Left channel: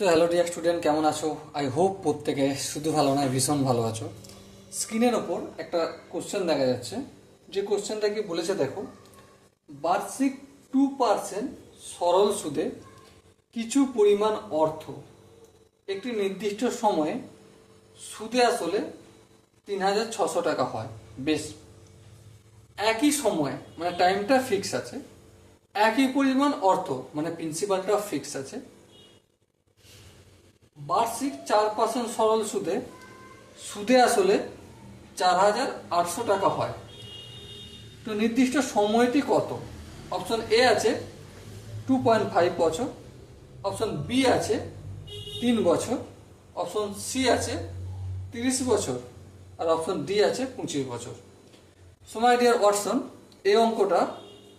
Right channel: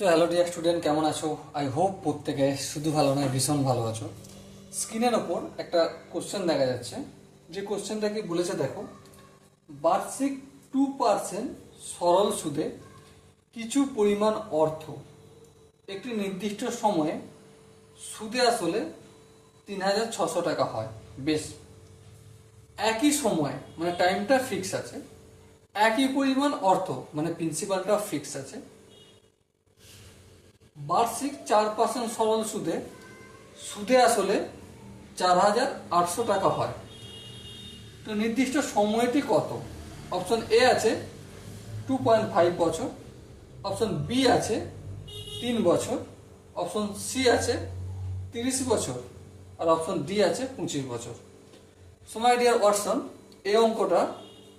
So hello dear student, কেমন আছো? I hope প্রত্যেকে শুধু ভালো নয়, ভীষণ ভালো আছো। স্ক্রিনের ওপর একটা কোশ্চেন দেখা যাচ্ছে, যে কোশ্চেনটা কি বলেছে দেখো, বার্ষিক 2% সরল সুদে কিছু পরিমাণ অর্থ একটি নির্দিষ্ট সময়ে সুদে আসলে 3,600 টাকা হয়। বেশ, একই সময়ে মানে টাইমটা ফিক্স আছে, একই পরিমাণ অর্থ মানে প্রিন্সিপালটা ফিক্স আছে, বার্ষিক 4% সরল সুদে সুদে আসলে 4,800 টাকা হয়। তো নির্দিষ্ট সময়টি কত? অপশন এ আছে 2.5 বছর, অপশন বি আছে 3 বছর, অপশন সি আছে 30 বছর, আর অপশন ডি আছে 25 বছর। সময় দেওয়ার অপশন, এই অঙ্কটা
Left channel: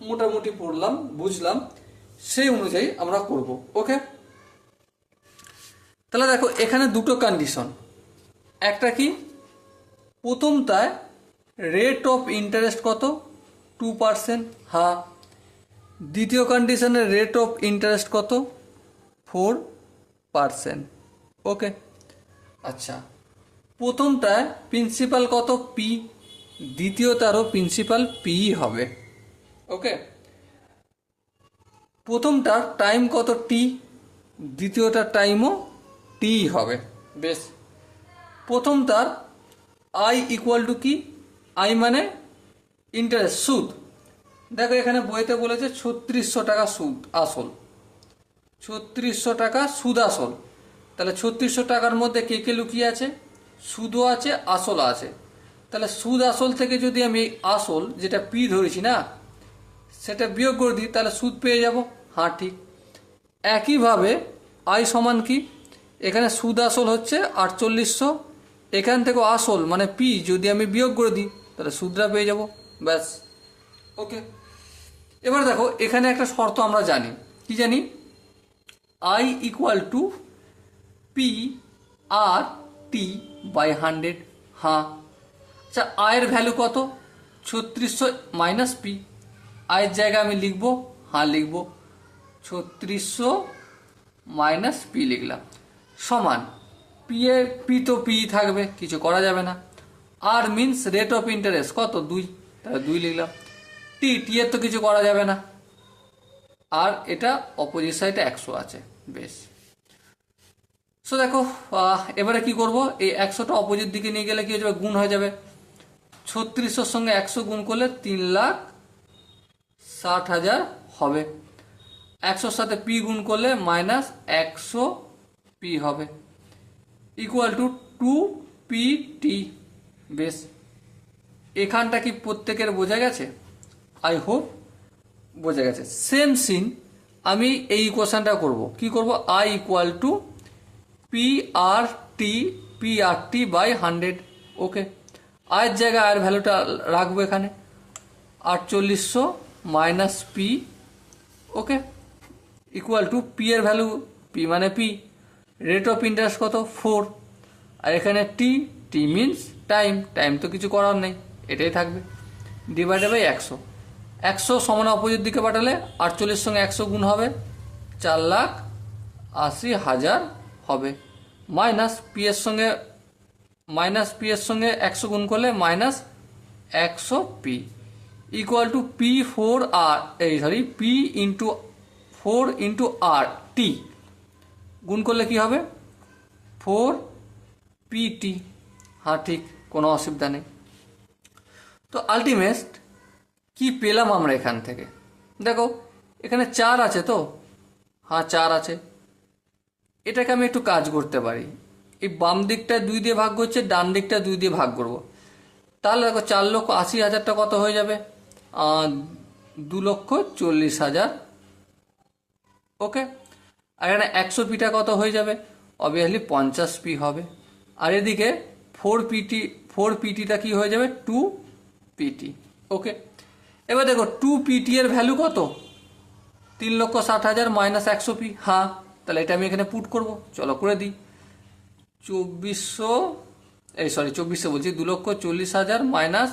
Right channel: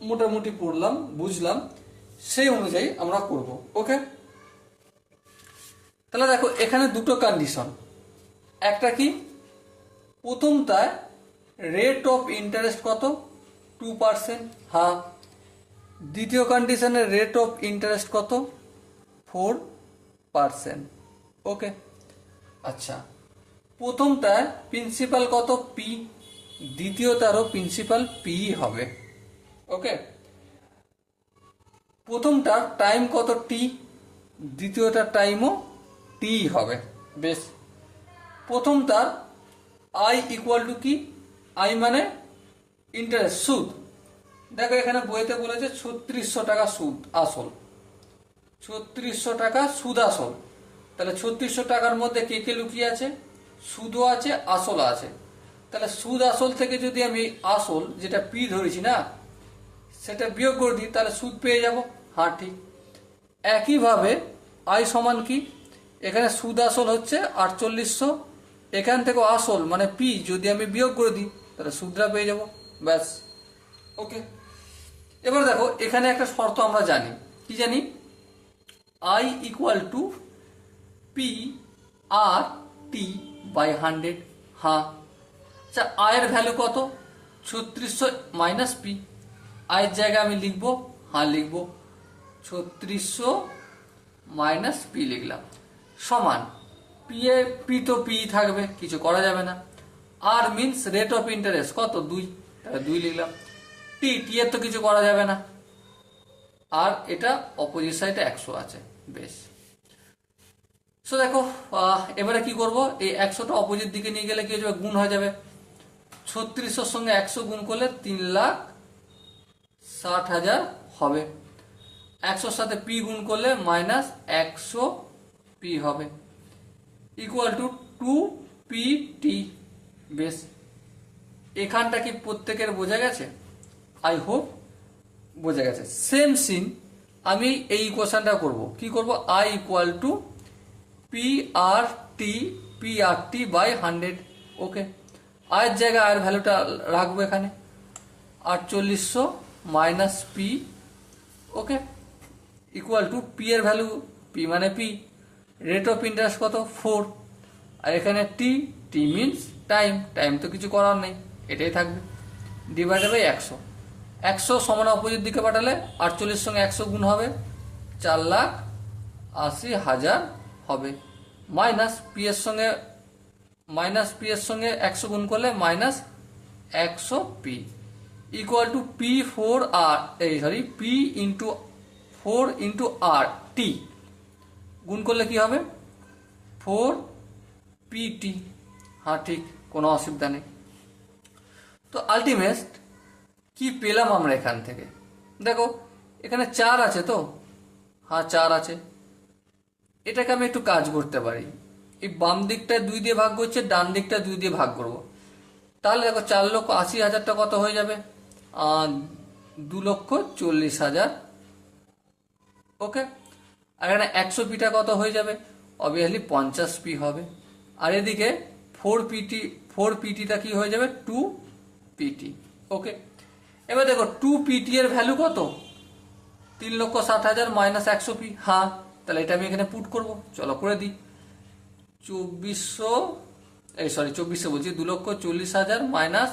মোটামুটি পড়লাম, বুঝলাম, সেই অনুযায়ী আমরা করব। ওকে, তাহলে দেখো এখানে দুটো কন্ডিশন। একটা কি, প্রথমটায় রেট অফ ইন্টারেস্ট কত? 2%। হ্যাঁ। দ্বিতীয় কন্ডিশনের রেট অফ ইন্টারেস্ট কত? 4%। ওকে, আচ্ছা, প্রথমটায় প্রিন্সিপাল কত? পি। দ্বিতীয়টারও প্রিন্সিপাল পি হবে। ওকে, প্রথমটা টাইম কত? টি। দ্বিতীয়টার টাইমও টি হবে। বেশ, প্রথমটার আই ইকুয়াল টু কি? আই মানে ইন্টারেস্ট, সুদ। দেখো এখানে বইতে বলেছে 3600 টাকা সুদ আসল, 3600 টাকা সুদ আসল। তাহলে 3600 টাকার মধ্যে কে কে লুকিয়ে আছে? সুদও আছে, আসল আছে। তাহলে সুদ আসল থেকে যদি আমি আসল যেটা পি ধরেছি না, সেটা বিয়োগ করে দিই, তাহলে সুদ পেয়ে যাব। হ্যাঁ, ঠিক। একইভাবে আই সমান কি? এখানে সুদ আসল হচ্ছে 4800, এখান থেকে আসল মানে পি যদি আমি বিয়োগ করে দিই, তাহলে সুদটা পেয়ে যাব। ব্যাস, ওকে। এবার দেখো এখানে একটা শর্ত আমরা জানি, কি জানি? I equal to P R T by 100। হ্যাঁ, আচ্ছা, আয়ের ভ্যালু কত? 3600 মাইনাস পি। আয়ের জায়গায় আমি লিখবো, হ্যাঁ লিখবো, 3600 মাইনাস পি লিখলাম, সমান পি এ পি তো পি থাকবে, কিছু করা যাবে না। আর মিনস রেট অফ ইন্টারেস্ট কত? 2, তাহলে 2 লিখলাম। টি টি এর তো কিছু করা যাবে না, আর এটা অপোজিট সাইডে 100 আছে। বেশ, সো দেখো এবারে কি করব, এই 100টা অপোজিট দিকে নিয়ে গেলে কি হয়ে যাবে? গুণ হয়ে যাবে। 3600 সঙ্গে 100 গুণ করলে 3,60,000 হবে। 100-র সাথে পি গুণ করলে মাইনাস 100 পি হবে, ইকুয়াল টু 2 pt। বেশ, এখানটা কি প্রত্যেকের বোঝা গেছে? আই হোপ বোঝা গেছে। সেম সিন আমি এই ইকুয়েশনটা করব। কি করব? I equal to P R T, P R T by 100। Okay, আয়ের জায়গায় আর ভ্যালুটা রাখবো এখানে, 4800 minus P. Okay, equal to P এর ভ্যালু, পি মানে পি, রেট অফ ইন্টারেস্ট কত? 4, আর এখানে T, T means time, time তো কিছু করার নেই, এটাই থাকবে, ডিভাইডেড বাই 100। 100 সমান অপোজিট দিকে পাঠালে 48 সঙ্গে 100 গুণ হবে, 4,80,000 হবে, মাইনাস পি এর সঙ্গে 100 গুণ করলে minus 100 P, equal to P 4 আর পি ইন্টু 4 × আর টি গুণ করলে কি হবে? 4 pt। হ্যাঁ, ঠিক, কোনো অসুবিধা নেই। তো আলটিমেট কি পেলাম আমরা এখান থেকে? দেখো এখানে 4 আছে তো, হ্যাঁ 4 আছে। এটাকে আমি একটু কাজ করতে পারি, এই বাম দিকটা 2 দিয়ে ভাগ করছে, ডান দিকটা 2 দিয়ে ভাগ করব। তাহলে দেখো 4,80,000টা কত হয়ে যাবে? 2,40,000। ওকে, আর এখানে 100 পিটা কত হয়ে যাবে? অবভিয়াসলি 50 পি হবে। আর এদিকে 4 পিটিটা কি হয়ে যাবে? 2 pt। ওকে, এবার দেখো 2 pt এর ভ্যালু কত? 3,60,000 মাইনাস 100 পি। হ্যাঁ, তাহলে এটা আমি এখানে পুট করব, চলো করে দিই। 2400 বলছি, 2,40,000 মাইনাস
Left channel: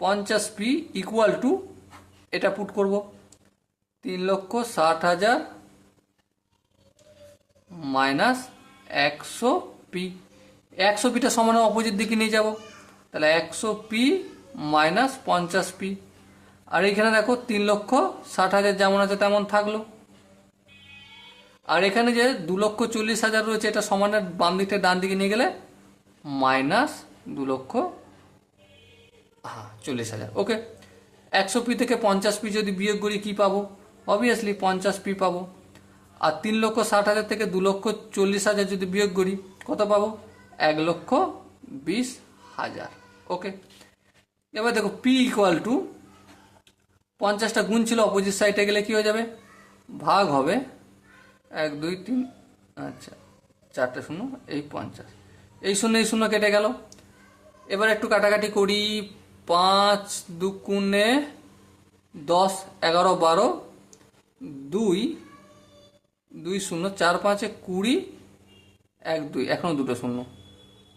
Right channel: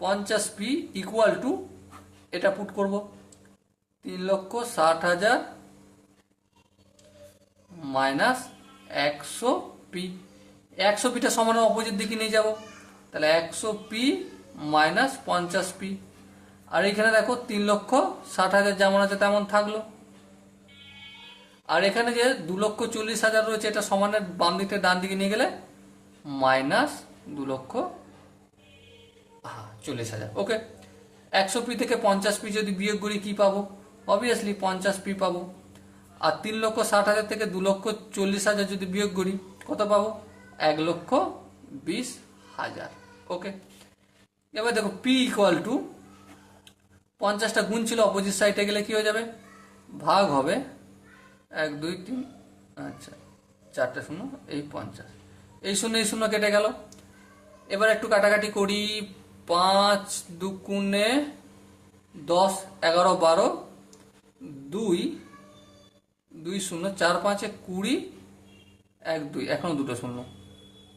50 পি ইকুয়াল টু, এটা পুট করব, 3,60,000 মাইনাস 100p। 100pটা সমান অপোজিট দিকে নিয়ে যাব, তাহলে 100p মাইনাস 50p। আর এখানে দেখো 3,60,000 যেমন আছে তেমন থাকলো। আর এখানে যে 2,40,000 রয়েছে, এটা সমানের বাম দিক থেকে ডান দিকে নিয়ে গেলে মাইনাস 2,40,000। ওকে, 100p থেকে 50p যদি বিয়োগ করি কি পাবো? অবভিয়াসলি 50p পাবো। আর 3,60,000 থেকে 2,40,000 যদি বিয়োগ করি কত পাবো? 1,20,000। ওকে, এবার দেখো p ইকুয়াল টু 50টা গুণ ছিল, অপোজিট সাইডে গেলে কি হয়ে যাবে? ভাগ হবে 1 2 3, আচ্ছা 4টে শূন্য, এই 50, এই শূন্য এই শূন্য কেটে গেল। এবার একটু কাটাকাটি করি। 5 দুগুণে 10, 11 12, 2 2 শূন্য, 4 5 20, 1 2, এখনো দুটো শূন্য।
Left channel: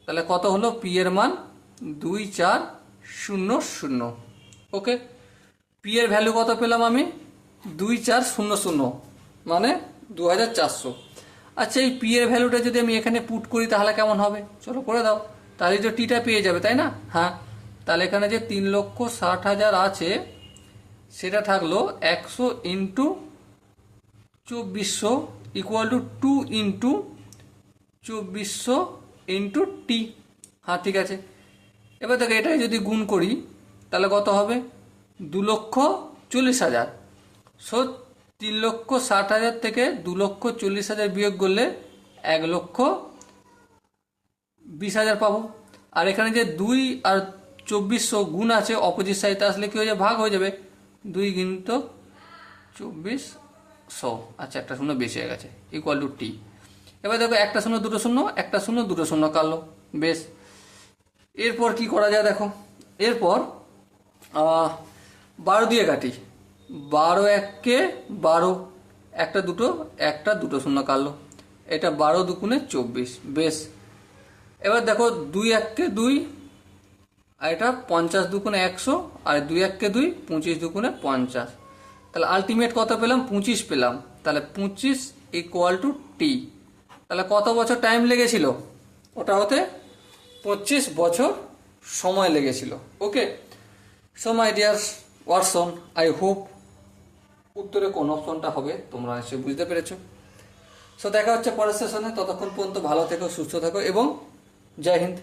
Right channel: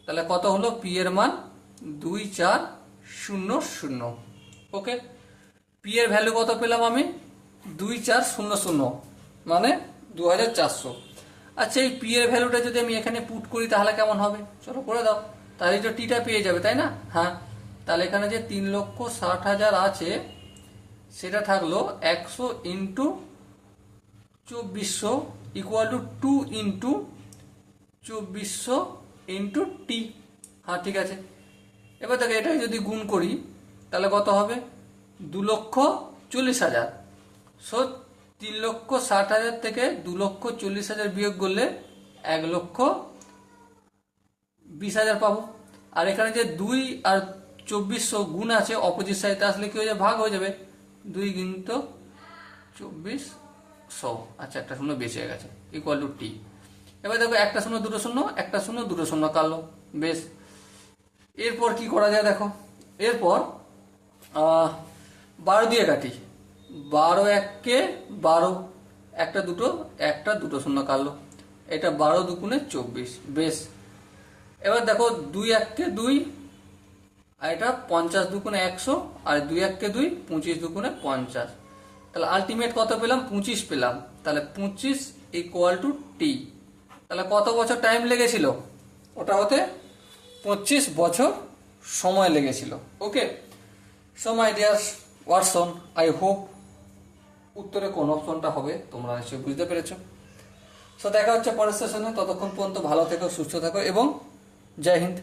তাহলে কত হলো? পি এর মান 2400। ওকে, পি এর ভ্যালু কত পেলাম আমি? 2400, মানে 2400। আচ্ছা, এই পি এর ভ্যালুটা যদি আমি এখানে পুট করি তাহলে কেমন হবে? চলো করে দাও, তাহলে তো টিটা পেয়ে যাবে, তাই না? হ্যাঁ, তাহলে এখানে যে 3,60,000 আছে সেটা থাকলো 100 into 2400 equal to 2 into 2400 into T. হ্যাঁ ঠিক আছে। এবার দেখো এটাই যদি গুণ করি তাহলে কত হবে? 2,40,000। সো 3,60,000 থেকে 2,40,000 বিয়োগ করলে 1,20,000 পাবো। আর এখানে যে 2 আর 2400 গুণ আছে, অপোজিট সাইডে আসলে কি হয়ে যাবে? ভাগ হয়ে যাবে। 2 কিন্তু 2400, আচ্ছা একটা শূন্য বেশি হয়ে গেছে, ইকুয়াল টু টি। এবার দেখো একটা শূন্য দুটো শূন্য, একটা শূন্য দুটো শূন্য কাটলো, বেশ। এরপর কি করা যায় দেখো, এরপর 12 দিয়ে কাটি। 12 1 12, একটা দুটো শূন্য কাটলো, এটা 12 দুগুণে 24, বেশ। এবার দেখো 2 1 2, আর এটা 50 দুগুণে 100, আর 2 1 2, 25 দুগুণে 50। তাহলে আলটিমেট কত পেলাম? 25 পেলাম। তাহলে 25 ইকুয়াল টু টি। তাহলে কত বছর টাইম লেগেছিল ওটা হতে? 25 বছর সময় লেগেছিল। Okay, so my dear Watson, I hope উত্তরে কোন অপশনটা হবে তোমরা নিশ্চয়ই বুঝতে পেরেছো। সো দেখা হচ্ছে পরের সেশনে, ততক্ষণ পর্যন্ত ভালো থেকো, সুস্থ থাকো এবং জয় হিন্দ।